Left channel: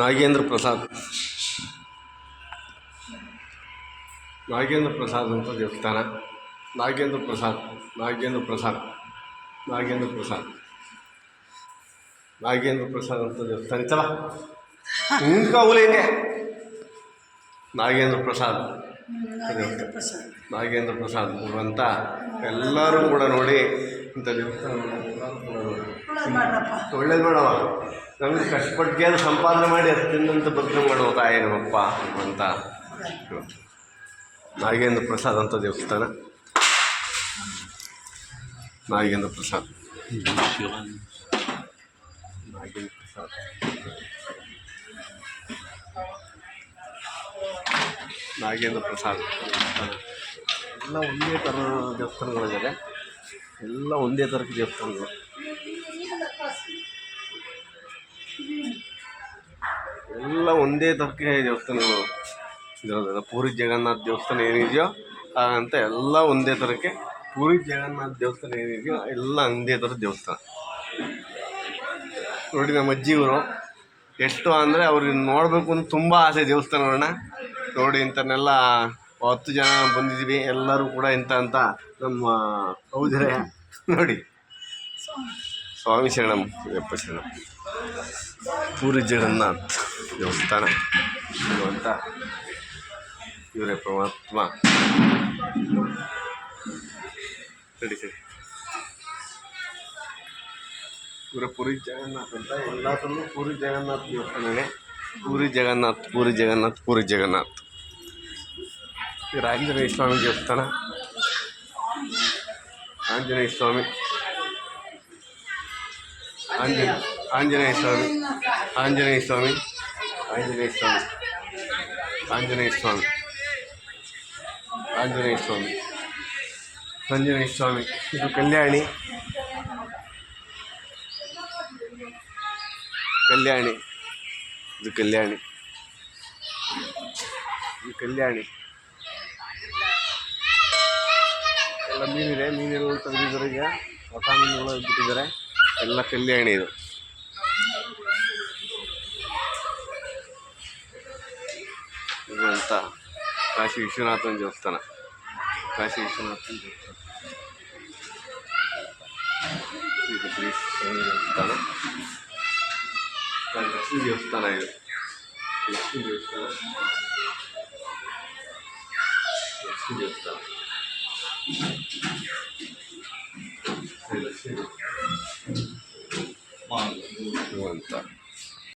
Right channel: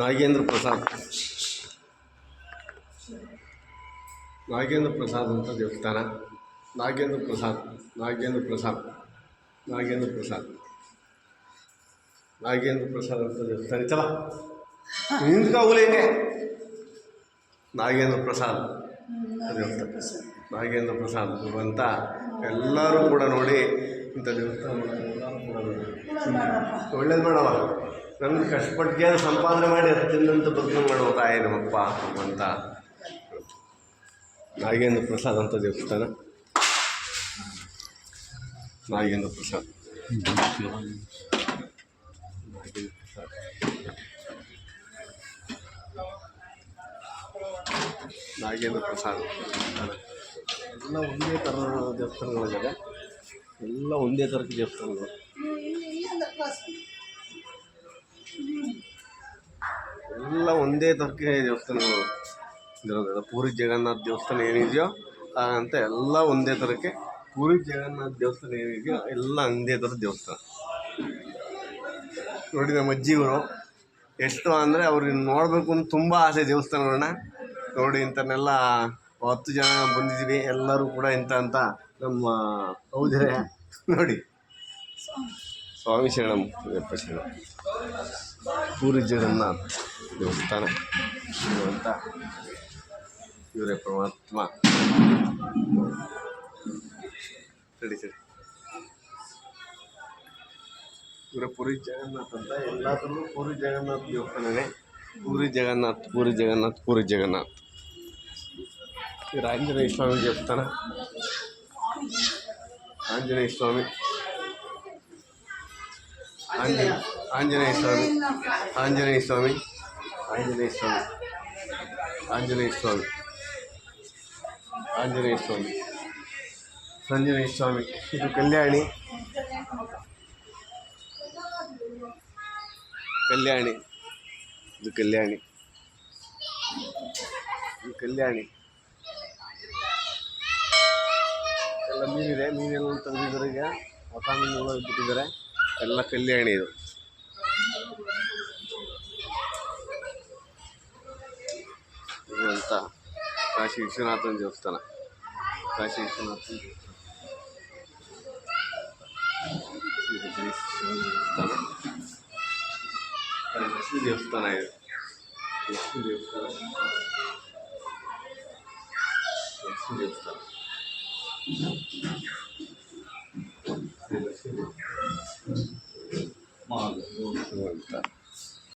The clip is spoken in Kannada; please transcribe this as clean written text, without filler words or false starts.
ನಾಗೇಂದ್ರ ಪ್ರಸಾದ್ ಅಂತ ದೇವಸ್ಥಾನ. ನಾಗೇಂದ್ರ ಪ್ರಸಾದ್ ಅಂತ ದೇವಸ್ಥಾನ ಚಲ ನಿಂತ್ಕೋಲೇನೆ. ನಾಗೇಂದ್ರ ಪ್ರಸಾದ್ ಅಂತ ಎಲ್ಲರೂ ಕೂಡ ನೋಡಿ ಇಂಥ ದೇವಸ್ಥಾನ ಎಲ್ಲರೂ ಕೂಡ ನೋಡಿ ಒಳ್ಳೇದು ಮಾಡವ. ನಮ್ಗೆ ಕಷ್ಟಪಟ್ಟು ಸಂಪಾದನೆ ಮಾಡಿ ತಿನ್ನಂತ ಬದುಕು ಮಾಡುವ ತಾಯಿ ನಮ್ಮಪ್ಪ ಅಂತ. ನಾಗೇಂದ್ರ ಪ್ರಸಾದ್ ಅಂತ ದೇವಸ್ಥಾನ. ನಾಗೇಂದ್ರ ಪ್ರಸಾದ್ ಎಲ್ಲ ಒಂದೇ ಥರ ದೇವಸ್ಥಾನಗಳಿದ್ದಾವೆ. ಎಲ್ಲ ಒಂದೇ ಥರದ ದೇವಸ್ಥಾನಗಳು. ಎಲ್ಲ ಒಂದೇ ಥರಕ್ಕೆ ದೇವಸ್ಥಾನಗಳು ಇರೋದಿಲ್ಲ. ಪೂರಿ ಜಗನ್ನಾಥ ದೇವಸ್ಥಾನ ಏನಿದೆಯೋ ಅಂತ ಎಲ್ಲ ಒಂದೇ ಥರಕ್ಕೆ. ಪೂರಿ ಜಗನ್ನಾಥ ದೇವಸ್ಥಾನ ಏನಿದೆಯೋ ಎಲ್ಲ ಒಂದೇ ಥರದ ದೇವಸ್ಥಾನ. ನೋಡಿ ನಮ್ಮ ಅಜ್ಜಿಯವರು ಎಷ್ಟು ಅಂದರೆ ಅವ್ರಿಗೆ ನೋಡಬೇಕು ಅಂತ ತುಂಬ ಆಸೆ ದೇವಸ್ಥಾನಗಳನ್ನ ನೋಡಿ. ಇಂಥನ್ನೆಲ್ಲ 10 ಜನ ಬಂದಿದ್ದೀವಿ. ಎಲ್ಲರೂ ಕೂಡ ಇಂಥ ಅಂತ ನಮ್ಮ ಹೌದ್ರೆ ನೋಡಿ. ಸ್ವಾಮಿ ಶರಣಂ ಯಪ್ಪ ಶರಣಂ. ಪೂರಿ ಜಗನ್ನಾಥ್ ದೇವಸ್ಥಾನ ಅಂತ ಇವರೇ ಪರಮಾತ್ಮ. ಸರಿ ಇವರೇ ಪೂರಿ ಜಗನ್ನಾಥ್ ಅಂತ. ಎಲ್ಲ ಥರನೂ ಪೂರಿ ಜಗನ್ನಾಥ್ ದೇವಸ್ಥಾನವೇ. ಪೂರಿ ಜಗನ್ನಾಥ್. ಇವರು ಆಂಜನೇಯ ಸ್ವಾಮಿ ದೇವಸ್ಥಾನ. ಆಂಜನೇಯ ಸ್ವಾಮಿ ಇದು ಕಲ್ಯಾಣಿ. ಎಲ್ಲ ಮೀನಿದೆ. ಮೀನುಗಳು ತೆಗೆದಿದ್ದಾರೆ. ಈಗ ಹೊಸ ಮೀನುಗಳು ಬಿಟ್ಟಿದ್ದಾರೆ. ಎಲ್ಲ ಕಲ್ಯಾಣಿ ಇದು. ಅಂತ ಕಾಶಿ ವಿಶ್ವನಾಥನ ದೇವಸ್ಥಾನ. ಲಕ್ಷ್ಮೀ ದೇವಸ್ಥಾನ ಇದು. ಲಕ್ಷ್ಮೀ ದೇವಸ್ಥಾನ ಅಂತ